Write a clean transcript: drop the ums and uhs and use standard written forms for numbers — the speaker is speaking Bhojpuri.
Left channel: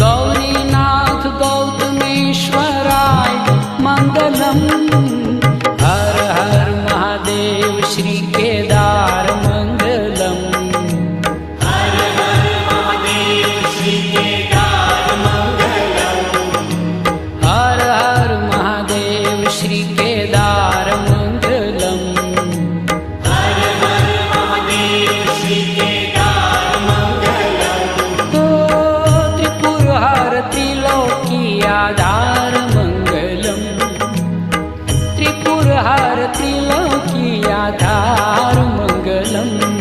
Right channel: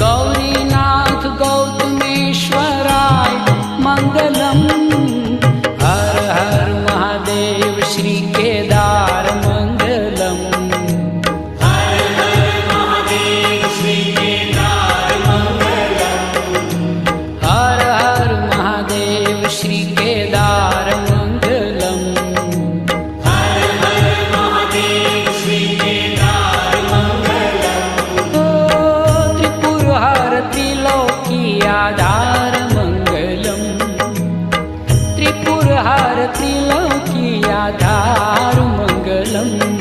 गौरीनाथ गौतमेश्वराय मंगलम। हर हर महादेव श्री केदार मंगलम। हर हर महादेव श्री केदार मंगलम। त्रिपुर हर त्रिलोकी आधार मंगलम। त्रिपुर हर त्रिलोकी आधार मंगलम।